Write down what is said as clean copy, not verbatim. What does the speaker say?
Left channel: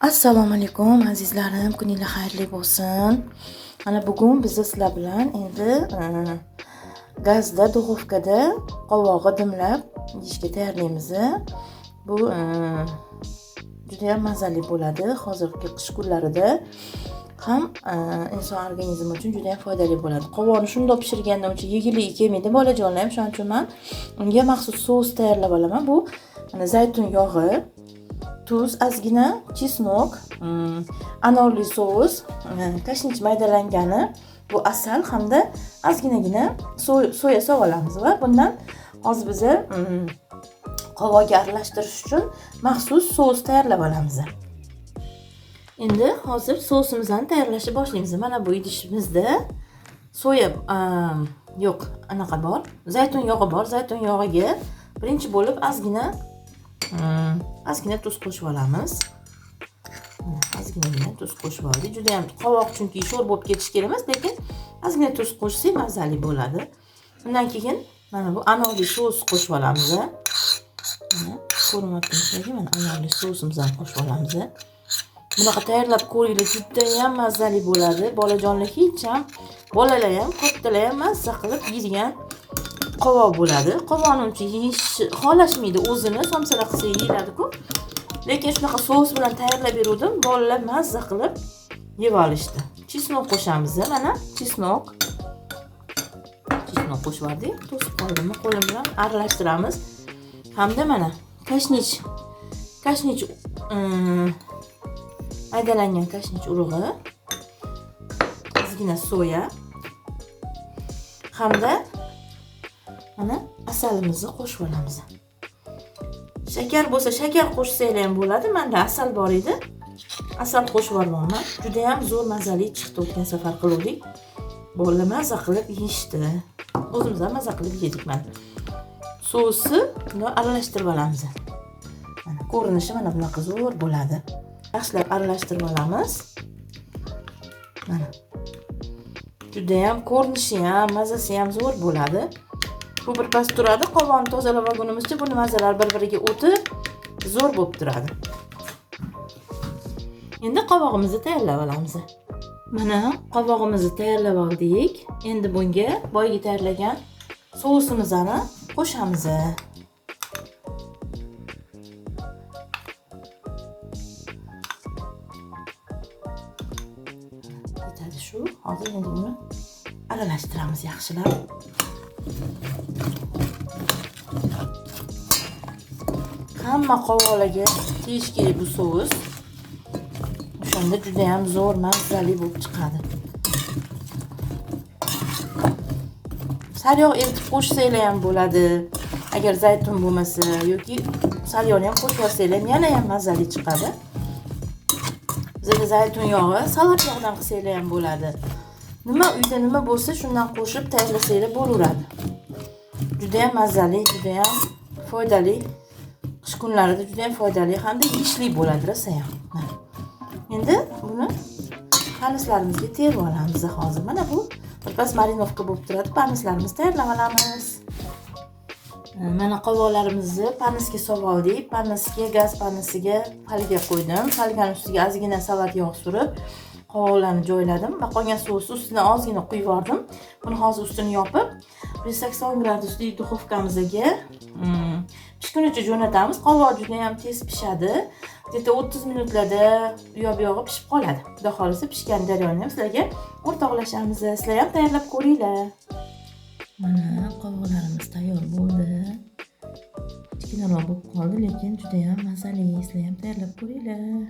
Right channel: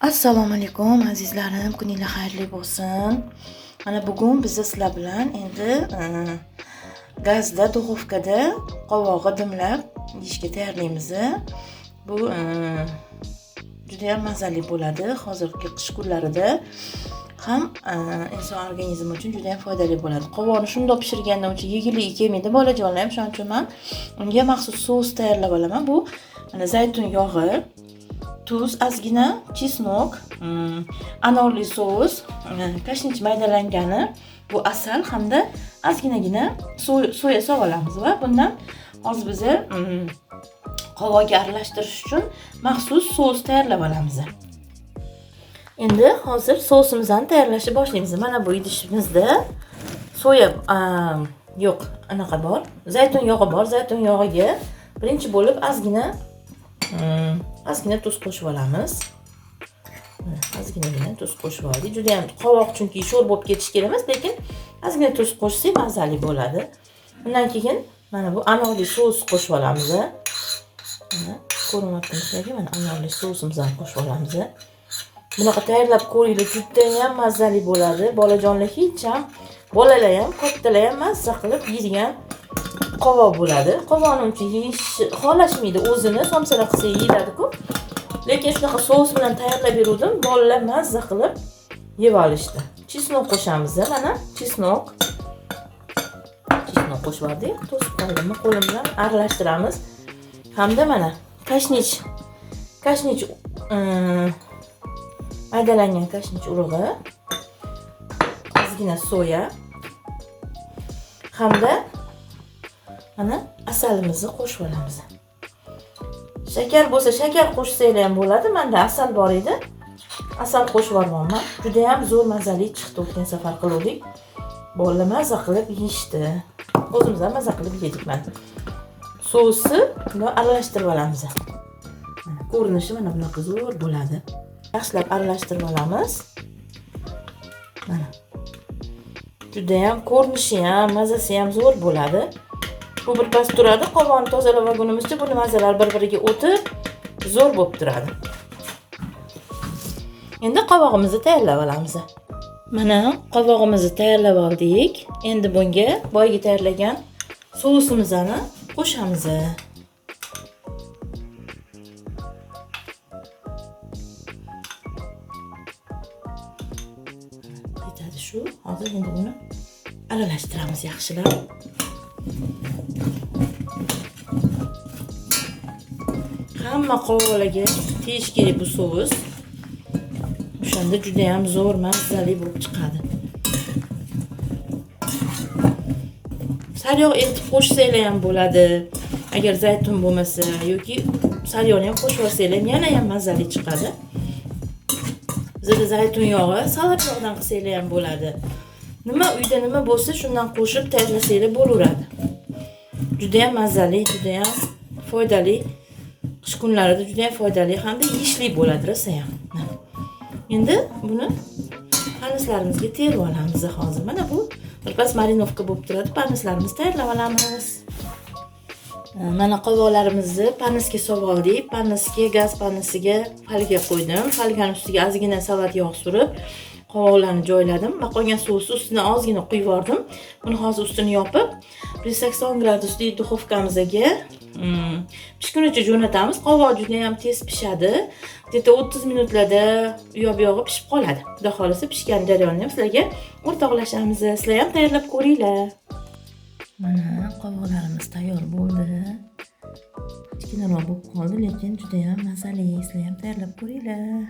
Assalomu alaykum azizlarim, kuningiz xayrli bo'lsin. Mana bugun biz sizlar bilan endi gazda, duxovkada qovog'i dimlab yeyishga tayyorlaymiz. Bu juda ham mazali bo'ladi. Hozirgi qish kunlarida ham inson organizmi uchun juda ham foydali bo'ladi. Qovoqni shundoq pishirganda uncha yegiligi kelmaydi bolajonlar ham, shuning uchun men unga maxsus sos tayyorlab olaman. Bu mana zaytun yog'i, tuz, ozgina chesnok, anorli sos, kashnich maydalangani, bu asal hamda ozginagina soya solib olamiz va bundan hozir biz qovog'ga aralashtirish uchun maxsus sos tayyorlab olamiz. Endi hozir sosimizni tayyorlashni boshlaymiz. Mana bu idishimizda soya bor, zaytun yog'i bor. Zaytun yog'iga birinchi bo'lib ozgina tuz qo'shib olamiz. Ozgina tuz qo'shib oldik. Juda ham qovoq chunki sho'r bo'lib ketish kerak emas, lekin ozgina tuz qo'shsak mazali bo'ladi. Undan keyin mana bu anorli sos qo'shib olamiz. Mana ko'ryapsizlarki, mana anorli sosimizni qo'shib olamiz. Bunaqa tayyorlab ko'ringlar, juda ham mazali bo'ladi. Bolajonlar hech ham, bolalar ham, kattalar ham mazza qilib yeydigan qovoq bo'ladi. Qovoqni uncha yeyish xohlashmaydi, o'zini somsalar qilsa yeyiladi-ku. Lekin shunaqa sos bilan tayyorlab berdim, bolalar mazza qilib yeb olishdi. Chesnok qo'shamiz. Mana chesnok qo'shib oldik. To'sib qo'ydim, qo'lim bilan aralashtiramiz. Hamda mana kashnich maydalangan kashnich urug'i, ozgina soya hamda mana asalimizni qo'shib olamiz. Shakar bo'lsa shakar qo'shsanglar ham bo'ladi. Menda asal bor edi. Asal qo'shib olganman. Juda ham zo'r mazali chiqdi. O'tgan safar qildik. Bolalar mazza qilib yeyishdi. O'zimiz ham mazza qilib yedik mana. Sosni bilan aralashtirib olamiz. Ko'rinishi mana bunaqa zo'r bo'ladi. Yaxshilab aralashtirib olamiz. Mana. Juda ham ko'rinishi ham, mazasi ham zo'r bo'ladi. Bu birpas turadi. Qovoqni tozalab olgunimizcha bu mazalar bir-biriga o'tib zo'r bo'lib turadi. Endi qovog'imizni tayyorlab olamiz. Mana qovog'imizni tayyorlab oldik. Endi bunga boyga tayyorlagan sosimizni qo'shamiz. Yetadi shu. Hozir endi buni aralashtiramiz yaxshilab. Hamma qovoqlarga tegish kerak bu sos. O'shanda juda ham zo'r mazali bo'lib chiqadi. Sariyog' eritib qo'shsanglar ham bo'ladi. Agar zaytun bo'lmasa yoki sariyog'ni ham qo'shib olsanglar yana ham mazali chiqadi. Bizda zaytun yog'i, salat yog'idan qilsanglar ham bo'ladi. Uyda nima bo'lsa shundan qo'shib tayyorlasanglar bo'laveradi. Juda ham mazali, juda ham foydali. Qish kunlarida juda ham foydali hamda yeyishli bo'ladi rosa ham. Endi buni panislarimizga terib olamiz hozir. Mana bu birpas marinovka bo'lib turadi. Panislarimizni tayyorlab olamiz. Mana qovoqlarimizni panisga solib oldik. Panisga, gaz panisiga falga qo'ydim. Falganing ustiga ozgina salat yog' surib, qovoqlarni joyladim va qolgan sosni ustidan ozgina quyib yubordim. Buni hozir ustini yopib 180 gradusli duxovkamizga pishgunicha jo'natamiz. Qovoq juda ham tez pishadi. Deta 30 minutlarda u yog'i pishib qoladi. Xudo xolisa pishgan jarayonni ham sizlarga o'rtoqlashamiz. Sizlar ham tayyorlab ko'ringlar. Mana qovoqlarimiz tayyor bo'ldi. Kichkinaroq bo'lib qoldi, lekin juda ham mazali. Sizlar ham tayyorlab ko'ringlar.